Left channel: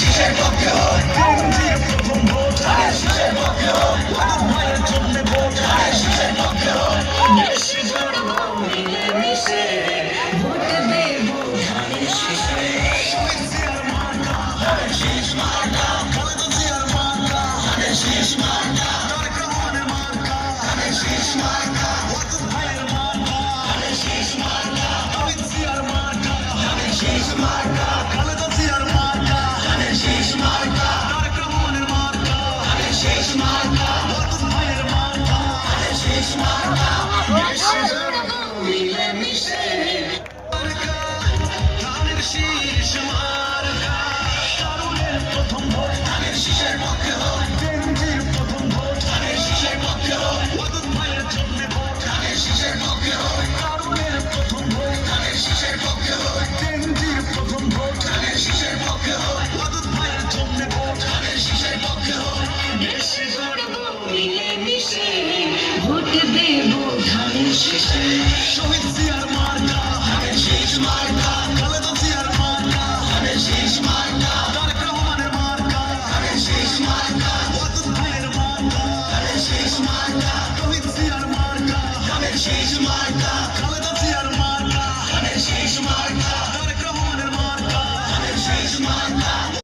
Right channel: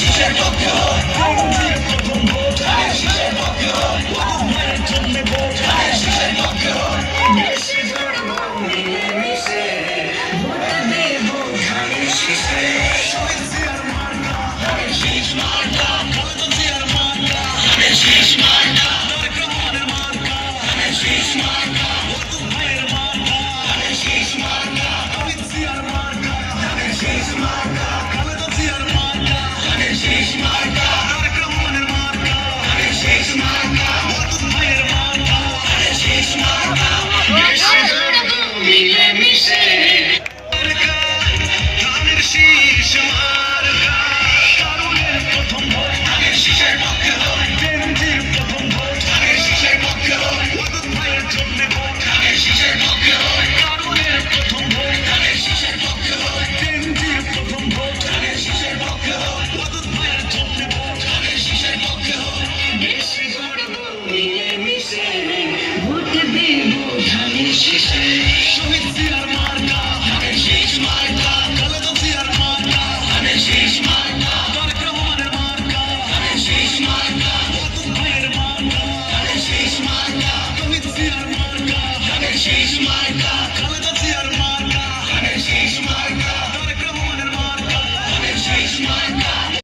শীষের পক্ষে হয়, প্রথম ভোট ধানের শীষের পক্ষে হয়, ভাইয়ের জন্য ভোট ধানের শীষের পক্ষে হয়। দেশে ধর্ম মিলেমিশে ভোট দেব ধানের শীষে। শহীদ জিয়ার মার্কা ধানের শীষ মার্কা, খালেদা জিয়ার মার্কা ধানের শীষ মার্কা, তারেক রহমানের মার্কা ধানের শীষ মার্কা, ওয়াদুদ ভাইয়ের মার্কা ধানের শীষ মার্কা, শহীদ জিয়ার মার্কা ধানের শীষ মার্কা, খালেদা জিয়ার মার্কা ধানের শীষ মার্কা, তারেক রহমানের মার্কা ধানের শীষ মার্কা, ওয়াদুদ ভাইয়ের মার্কা ধানের শীষ মার্কা। দেশে ধর্ম মিলেমিশে মার্কা ধানের শীষ মার্কা, তরুণের প্রথম ভোট ধানের শীষের পক্ষে হয়, কেন্দ্রের প্রথম ভোট ধানের শীষের পক্ষে হয়, ওয়াদুদ ভাইয়ের জন্য ভোট ধানের শীষের পক্ষে হয়, তরুণের প্রথম ভোট ধানের শীষের পক্ষে হয়, কেন্দ্রের প্রথম ভোট ধানের শীষের পক্ষে হয়, ওয়াদুদ ভাইয়ের জন্য ভোট ধানের শীষের পক্ষে হয়। দেশে ধর্ম মিলেমিশে ভোট দেব ধানের শীষে। শহীদ জিয়ার মার্কা ধানের শীষ মার্কা, খালেদা জিয়ার মার্কা ধানের শীষ মার্কা, তারেক রহমানের মার্কা ধানের শীষ মার্কা, ওয়াদুদ ভাইয়ের মার্কা ধানের শীষ মার্কা, শহীদ জিয়ার মার্কা ধানের শীষ মার্কা।